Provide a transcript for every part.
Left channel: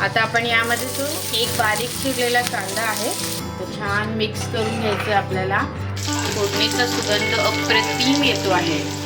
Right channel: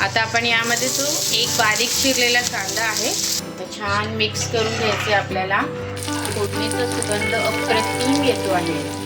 आता आपण यामध्ये जो एक बारीक चिरलेला कांदा आहे तो छान मिक्स करून घ्यायचे आपल्याला. फोडणीचा सुगंध अप्रतिम येतो आहे.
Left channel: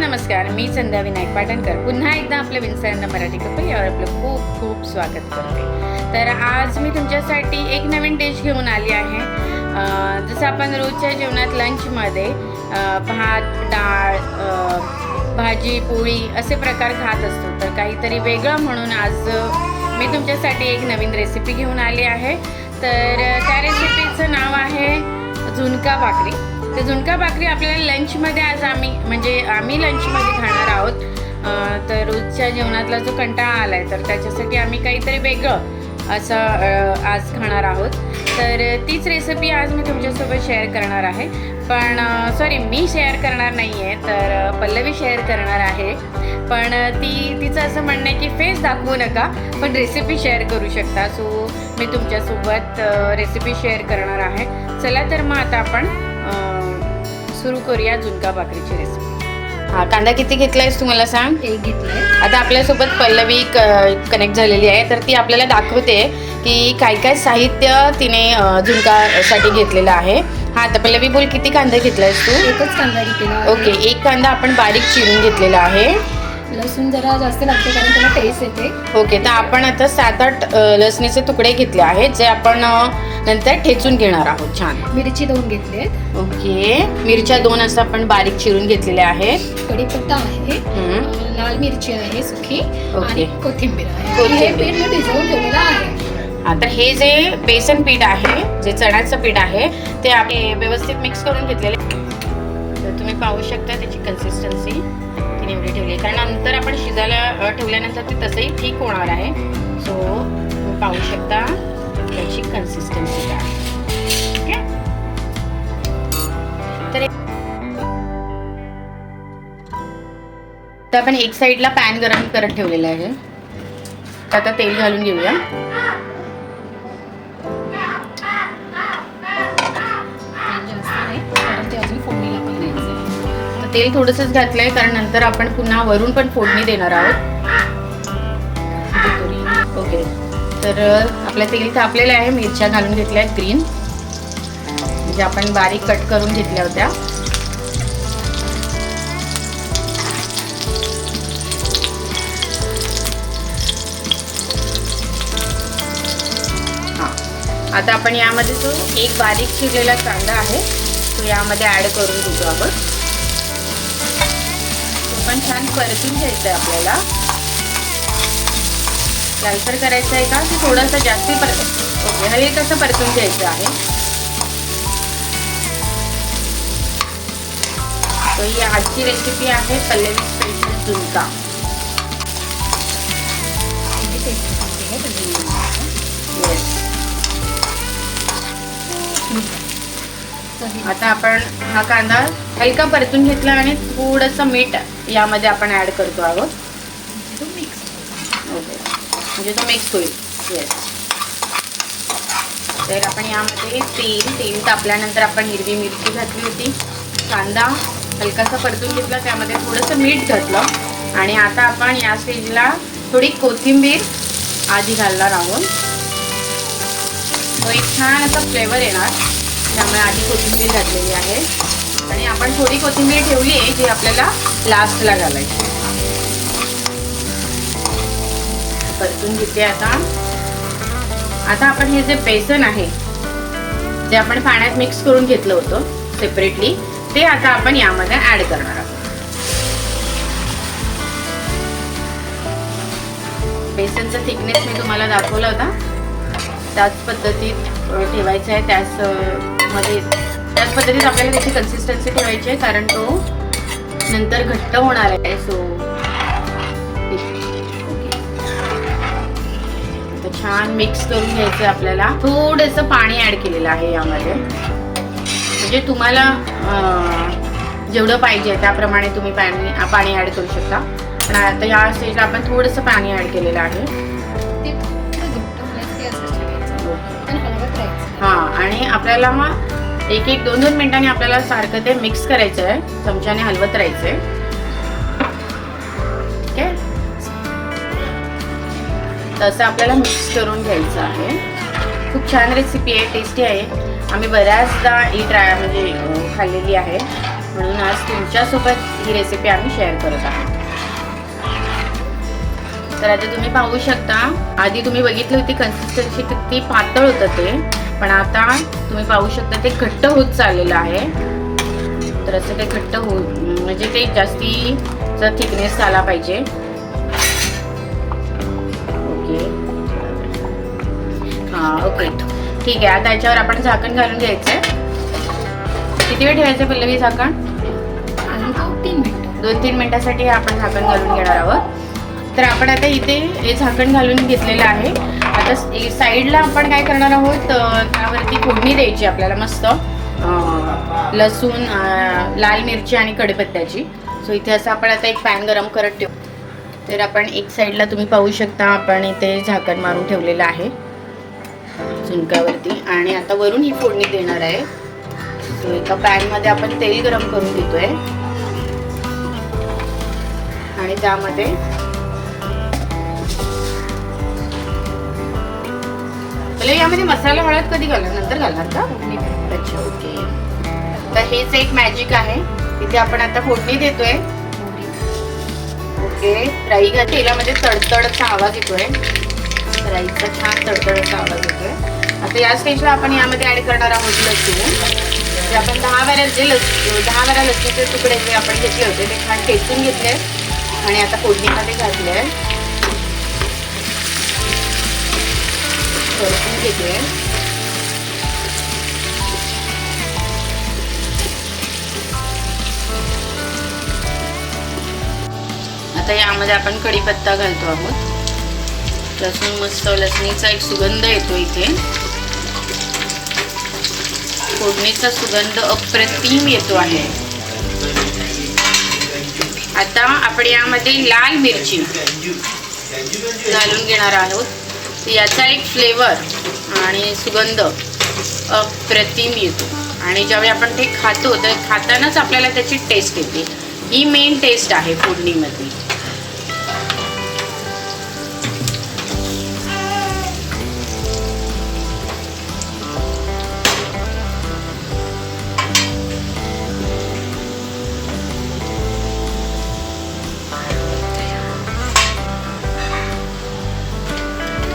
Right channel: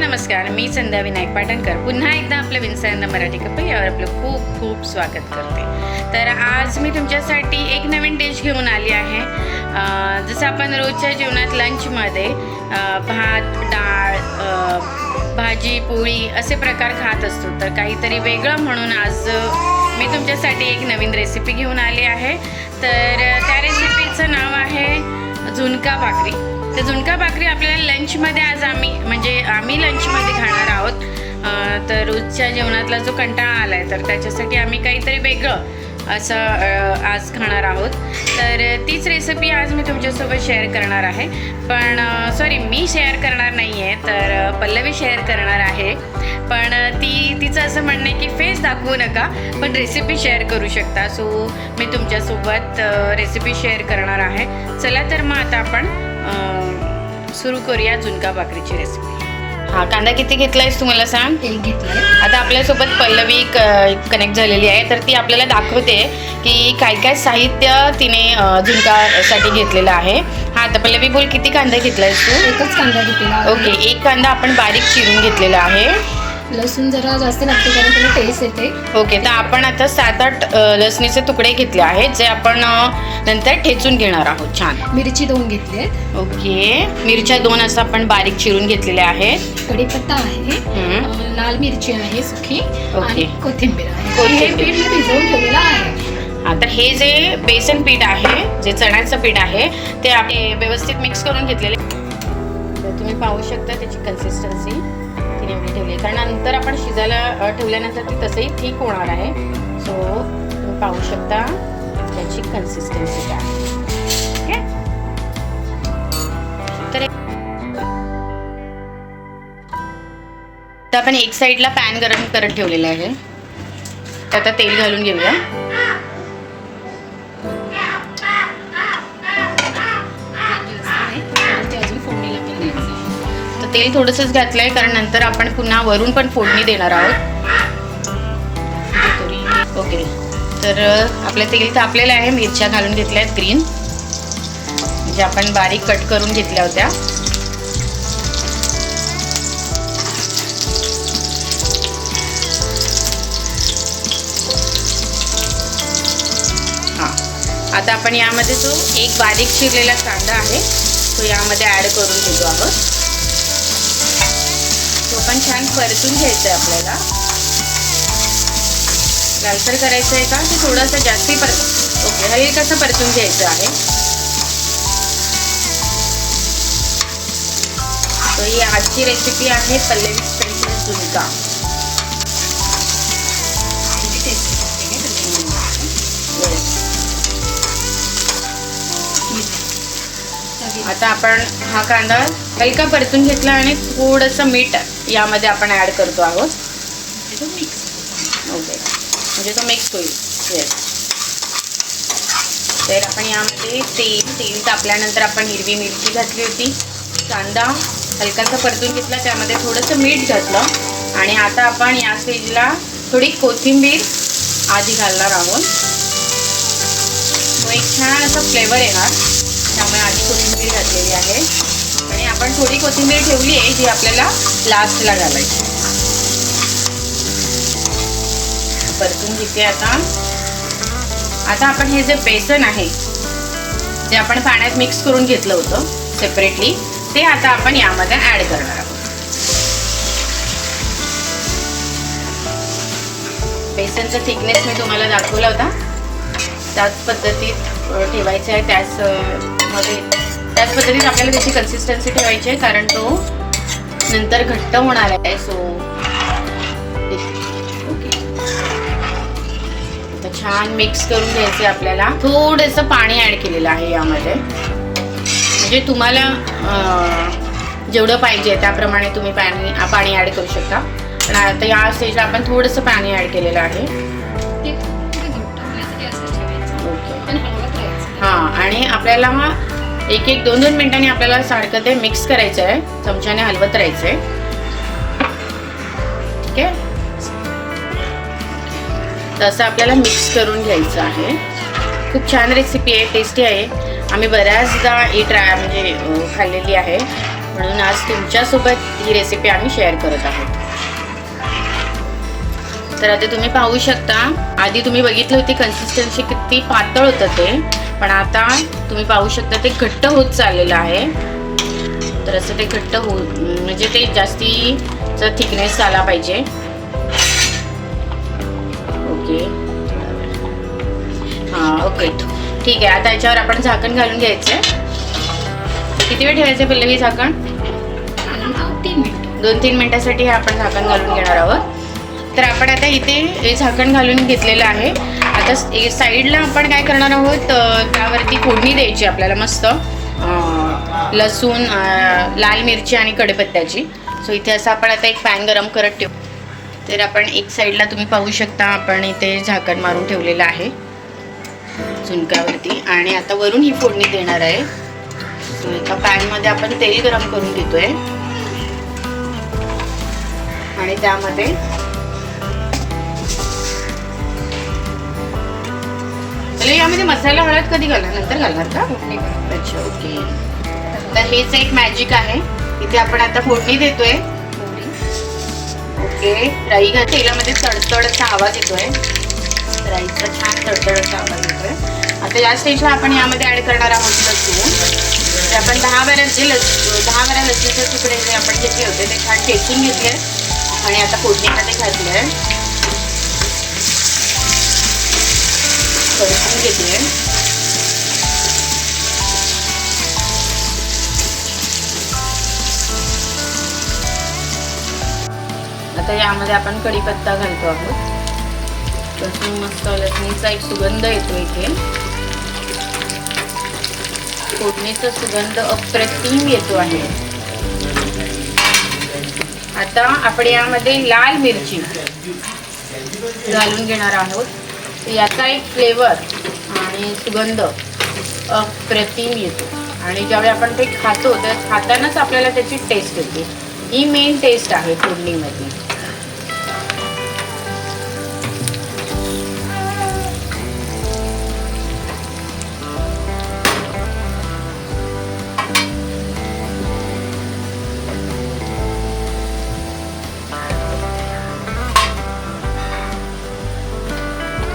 नमस्कार, मी संध्या विनायक पाटणकर पुन्हा एकदा आपल्या विन्सर मराठी कपल यावर आपलं खूप खूप स्वागत करते. तर आज मी तुमच्यासाठी एक नवीन डिश घेऊन आली आहे. जसं आपण रोजच्या जेवणात लंचमध्ये भात, डाळ, भाजी, पोळी असे प्रकार खात असतो, तर काहीतरी वेगळं म्हणून आज मी तुमच्यासाठी एक नवीन रेसिपी घेऊन आली आहे. तर त्या रेसिपीचं नाव आहे झुणका भाकरी. तर झुणका भाकरी आपल्याला लंचमध्ये आज आम्ही लंचमध्ये खाणार आहोत. तर रोजच्या जेवणातला जो कंटाळा आला आहे तर त्याच्यासाठी आम्ही काहीतरी वेगळं असं आज खाणार आहोत. तर तीच रेसिपी आज मी तुमच्यासोबत शेअर करणार आहे. पण मी शेअर करणार नाही आहे, तर पल्लवी शेअर करणार आहे. पण तिचं असं म्हणणं आहे की फेस दाखवू नका, पण रेसिपी शेअर करू शकता. सो मी तुमच्यासोबत रेसिपी शेअर करणार आहे. चला तर मग आता आपण सुरू करूया झुणका भाकरीची रेसिपी. हा, कांदा किती घेतलायस तुम्हाला सांग? एक घेतलाय. आता आपल्यासोबत पल्लवी कनेक्ट झालेली आहे, तर ती आपल्याला दाखवते की काय काय साहित्य तिने झुणकासाठी घेतलेलं आहे. हा, तर पल्लवी बोल, किती कांदा घेतलायस तू? एकच कांदा घेतला. ओके, एक कांदा आपण बारीक चिरून घेतलेला आहे. लसूण जरा जास्त लागते कारण त्याला टेस्ट येते. ओके, तर आपण आता 7-8 लसणीचे तुकडे घेतले आहेत, जे आपण नंतर ठेचून घेणार आहोत. छान. मिरची 2 घेतली. ओके, मिरच्या 2 असं आपण बारीक चिरून घेतलेल्या आहेत. कढीपत्ता आहे, लाल मिरची आहे सुकी, ओके, कोथिंबीर आहे. हे पीठ मी भिजवून ठेवलेलं आहे. आता हे जे बेसन पीठ आहे, जे चण्याचं पीठ आहे, ते आपण व्यवस्थित मिक्स करून घेतलेले. तर तुम्ही पाहू शकता त्याची कन्सिस्टन्सी तिने एवढी ठेवली आहे, कारण नंतर आपण शिजायला ठेवल्यानंतर ती तसंही ठीक होणार आहे. सो तुम्ही पाहू शकता त्याची कन्सिस्टन्सी काय आहे. ओके, तर आपण एक साईडला पॅन गरम करत ठेवलेला आहे. तर आता तेल घालून घेऊया. तेल थोडंसंच घातलंय कारण नंतर आपण पुन्हा वरून पण फोडणी देणार आहोत. ओके, तर आपलं तेल तापलेलं आहे. मिरच्या घालून घेतल्या आहेत ग्रीन, म्हणजे आपण बारीक कट करून घेतल्या होत्या. हां, आता आपण यामध्ये जो एक बारीक चिरलेला कांदा आहे तो यामध्ये ॲड करून घेतो आहोत. पण छान परतून घ्यायचं आहे आपल्याला. लालसर करायचं आहे का की थोडंसं जास्ती परत? ओके, हे कसं परतून घ्यायचं आहे. तो ही आजची रेसिपी आहे पल्लवी स्पेशल झुणका. आता आपण हा कांदा हलका परतून घेतला आणि थोडंसं मीठ यामध्ये आपण ॲड करतो आहोत. ओके, म्हणजे तो मिक्स होईल. येस, तर आपण यामध्ये तेल तापल्यानंतर आपण हिरवी मिरची घातली होती. कांदा हलकासा परतून घेतला, त्यामध्ये थोडंसं मीठ घातलं आणि आता आपण या स्टेजला थोडी कोथिंबीर आधी घालणार आहोत. तो एक छान असा फ्लेवर येणार, त्यामुळे आधी कोथिंबीर घातलेली आहे. आणि आपण थोडी कोथिंबीर ठेवली आहे जी आपल्याला लास्टला घालायची. परतून घेते आता आपण हे जे बेसन आहे जे आपण पाण्यात मिक्स करून घेतलं होतं सेपरेटली, ते आता आपण यामध्ये ॲड करणार आहोत. बेसनचा थिकनेस मी तुम्हाला दाखवला होता, त्याच पद्धतीत ठेवायचं आहे. त्याच पद्धतीत आपल्याला त्याची कन्सिस्टन्सी ठेवायची आहे, कारण तो नंतर घट्ट होणार आहे. सो ओके, तर छान मिक्स करून घ्यायचे. आपल्याला थोडंसं पाणी ॲड केलेलं आहे यामध्ये, म्हणजे तुम्हाला जेवढं पाहिजे त्याप्रमाणे तुम्ही पाणी ॲड करू शकता. पण आता या स्टेजला आपण थोडंसं पाणी ॲड केलेलं आहे. ओके, हां, आणि आपल्याला हा एक 2-2 मिनिटांनी आपल्याला सारखं ते मिक्स करायचं आहे, चमच्याने हलवत राहायचं आहे. ठीक आहे, तसं आपल्याला मिक्स करून घ्यायचं आहे. खूप छान रेसिपी आहे, टेस्टी आहे. आम्ही बऱ्याचदा ही म्हणजे खाल्लेली आहे, म्हणून आज तुमच्यासोबत ही रेसिपी आम्ही शेअर करत आहोत. तर आधी तुम्ही पाहू शकता, आधी तुम्ही बघितली होती कन्सिस्टन्सी किती पातळ होतं ते, पण आता तुम्ही पाहू शकता ते घट्ट होत चाललेलं आहे. तर असं ते घट्ट म्हणजे ते जास्तीचा थिकनेस आला पाहिजे. ओके, हां ओके ठीक आहे. आता याच्यावर आपण झाकण घालून घ्यायचं. किती वेळ ठेवायचं पहिले हे झाकण? 2-3 मिनिटासाठी आपण झाकण घालून घेणार आहोत. तर आपण आता इथे हे झाकण घालून घेतलेलं आहे. आता साईडला आपण काय करणार आहोत, त्यावरती फोडणी द्यायची आपल्याला मस्त लसूण, लाल मिरची आणि कढीपत्त्याची. सो इथे असं आपण आता एक पॅन गरम करत ठेवू. तर आपण एक साईडला तुम्ही पाहू शकता आपण इथे झाकण मारून ठेवलेलं आहे झुणकावरती, आणि आता वरून ही फोडणी देणार आहे. सो एका पॅनमध्ये आपण तेल गरम करून घेतोय आणि त्यामध्ये यामध्ये मसाला हळद कधी घालणार, नंतर घालणार का? अच्छा ओके. तर हेच एक मॅजिक आहे. इथे आपण आता फोडणी देतोय. ओके, राई तेलामध्ये तडतडचा आवाज येतोय, राईचा छान तडतडचा आवाज येतोय. आता या स्टेजला आपण यामध्ये ऍड करणार आहोत लसूण. तर आपण 10 बारा लसूणचे तुकडे जे आपण घेतले होते ते छान ठेचून घेतले आणि आता फोडणीमध्ये घातले, परतून घेतले. आता यामध्ये आपण कढीपत्ता घालतो आहोत. लसूण मस्त लसणीचा एक सुगंध येतो इथे. फोडणीचा सुगंध अप्रतिम येतो आहे. आता आपण यामध्ये लाल मिरची घालून घेणार आहोत. याचा एक फ्लेवर आणि सुगंध अप्रतिम येतो, आणि ज्यावेळी आपण ते खातो तर खातानाच आपल्याला त्याची टेस्ट येते. ही मेन टेस्ट आहे फोडणीमध्ये.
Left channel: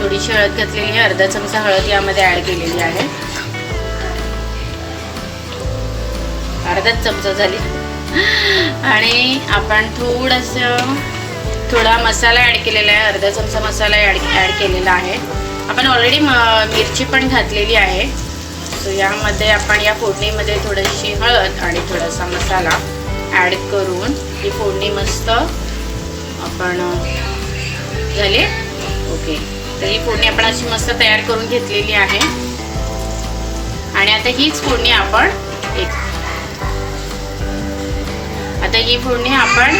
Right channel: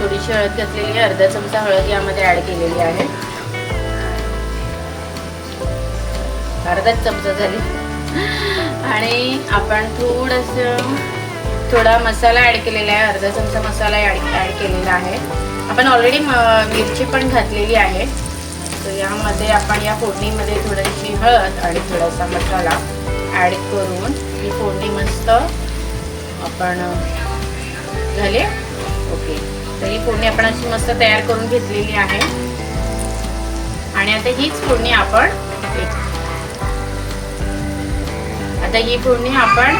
थोडीशी हळद घातलेली आहे, अर्धा चमचा हळद यामध्ये ऍड केलेली आहे. अर्धाच चमचा झाली. आणि आपण थोडा मसाला ऍड केलेला आहे, अर्धा चमचा मसाला ऍड केलेला आहे. आपण ऑलरेडी मिरची पण घातलेली आहे. सो यामध्ये आपण या फोडणीमध्ये थोडीशी हळद आणि थोडासा मसाला ऍड करून ही फोडणी मस्त आपण झाली. ओके, तर ही फोडणी आपण अशी मस्त तयार करून घेतलेली आहे. आणि आता हीच फोडणी आपण ही फोडणी आपण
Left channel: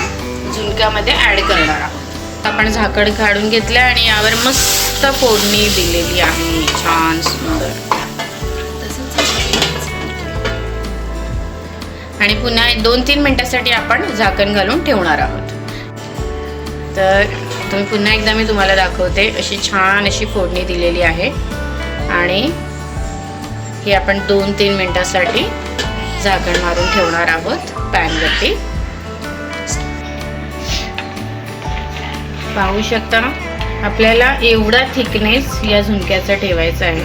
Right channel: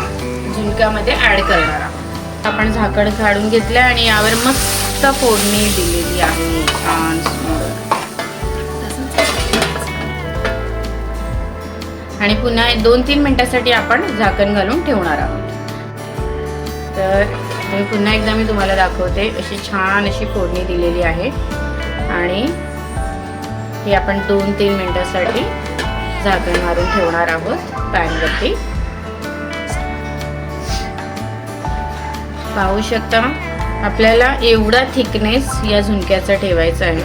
झुणक्यामध्ये ऍड करणार आहोत. आपण झाकण काढून घेतलं आणि यावर मस्त फोडणी दिलेली आहे, छान सुंदर. आणि पुन्हा 2-3 मिनिटासाठी आपण झाकण घालून ठेवणार आहोत. तर तुम्ही पुन्हा एकदा मी तुम्हाला दाखवते. अशी छान अशी फोडणी दिलेली आहे आणि हे आपण 2-3 मिनिटासाठी झाकण मारून ठेवणार आहोत पॅनवरती. पाहू शकता आपल्याला एवढा थिकनेस या झुणक्याचा ठेवायचा आहे.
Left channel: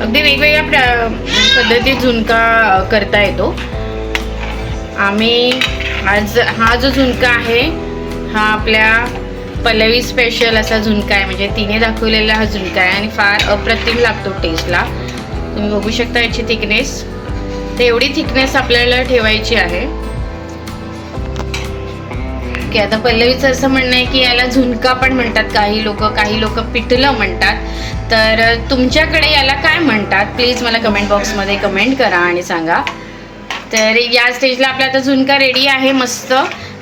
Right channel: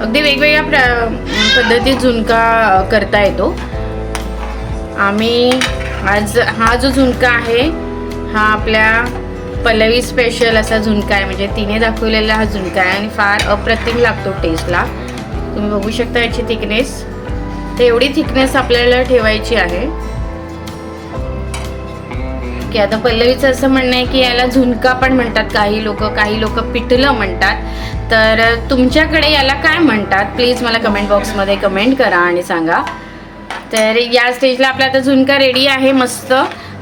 अगदी वेगवेगळ्या पद्धतीत झुणका करता येतो. आम्ही आज हा जो झुणका आहे हा आपल्या पल्लवी स्पेशल असा झुणका आहे, म्हणजे तिने दाखवलेला हा झुणका आहे आणि फार अप्रतिम लागतो टेस्टला. तुम्ही बघू शकता याची थिकनेस. तर एवढी थिकनेस आपल्याला ठेवायची आहे की आता पल्लवीचं असं म्हणणं आहे की याला झुणका पण म्हणतात काही लोक पिठलं म्हणतात. तर तुमच्याकडे याला काय म्हणतात प्लीज मला कमेंट बॉक्समध्ये कमेंट करा आणि सांगा. तर या स्टेजला आपला आता झुणका रेडी आहे मस्त.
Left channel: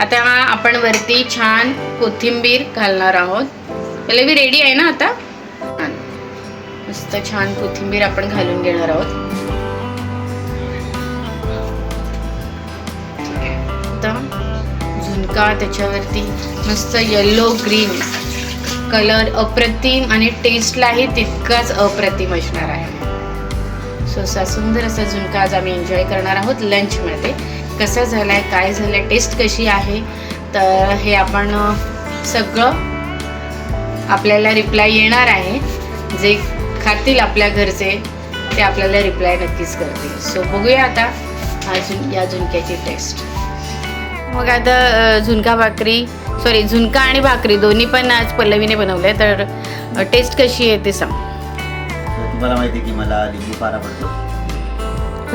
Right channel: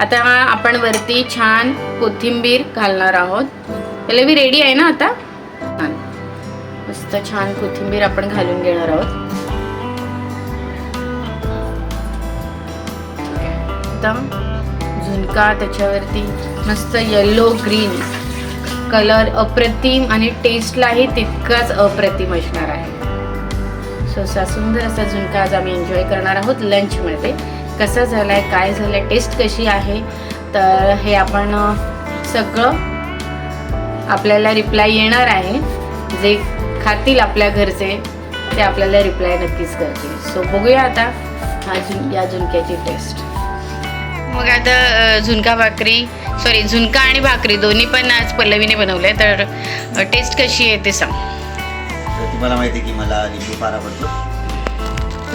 आता आपण वरती छान कोथिंबीर घालणार आहोत. पल्लवी रेडी आहे ना आता? मस्त छान कोथिंबीर आपण घालून घेणार आहोत. मस्त झुणका, त्याच्यावरती मस्त येलो ग्रीन कलर, अप्रतिम आणि टेस्टलाही तितकाच अप्रतिम असणार आहे. सो असा सुंदर असा झुणका आज आम्ही एन्जॉय करणार आहोत लंचमध्ये. कसा झाला आहे, काय झालं आहे, टेस्ट कशी आहे, तर हे आपण सगळं आपल्याला रिप्लाय येणार आहे. जे खातील आपल्या घरचे ते आपल्याला रिप्लाय नक्कीच करतील. सो बघूया आता या झुणक्याची टेस्ट. मग आता झुणका आणि भाकरी दोन्ही पण आज पल्लवीने बनवले. तर टेस्ट कशी आहे ते सांग. तर तुम्हाला माहिती आहे की मला लिंबू फार आवडतो.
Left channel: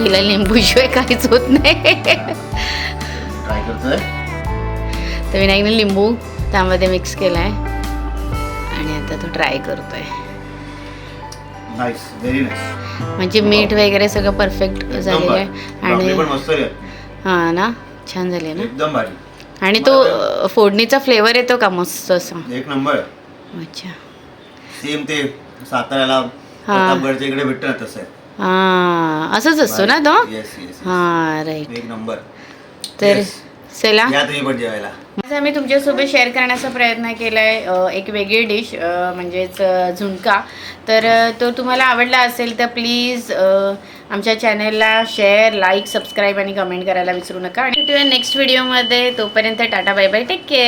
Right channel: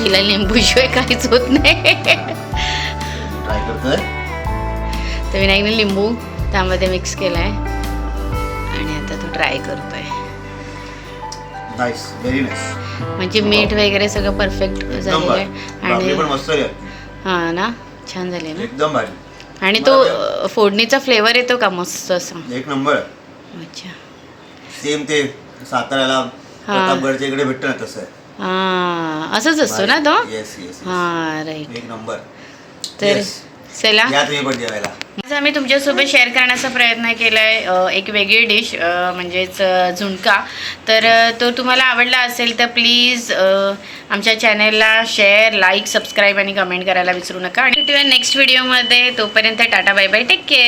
हिला लिंबूशिवाय काहीच होत नाही. ट्राय करतोय. तर विनायकने लिंबू त्यामध्ये मिक्स केला आहे आणि आता तो ट्राय करतोय. Nice, very nice. म्हणजे मीठ वगैरे सगळं परफेक्ट झालेलं आहे भाकरी पण आणि मस्त आहे. हां ना, छान झाले ना. एकदम भारी. आणि तो फोडणीचा फ्लेवर येतो का मस्त असा. एक नंबर. अच्छा, सेम ते साताऱ्याला प्रतापगडच्या इकडे भेटतं ना तसं आहे. हां असंच असतो ना तो. Yes yes. हां राईट. एक नंबर. तर Yes. चला, या तुम्ही पण जेवायला. आज आम्ही तुमच्यासोबत शेअर करण्याचा प्रयत्न केला आहे एक वेगळी डिश, म्हणजेच झुणका. तर तो तुम्हाला आवडला असेल तर प्लीज आमच्या चॅनलला शेअर, लाईक, सबस्क्राईब आणि कमेंट करायला विसरू नका. आणि भेटूया नेक्स्ट व्हिडिओमध्ये. तोपर्यंत tata, bye bye, take care.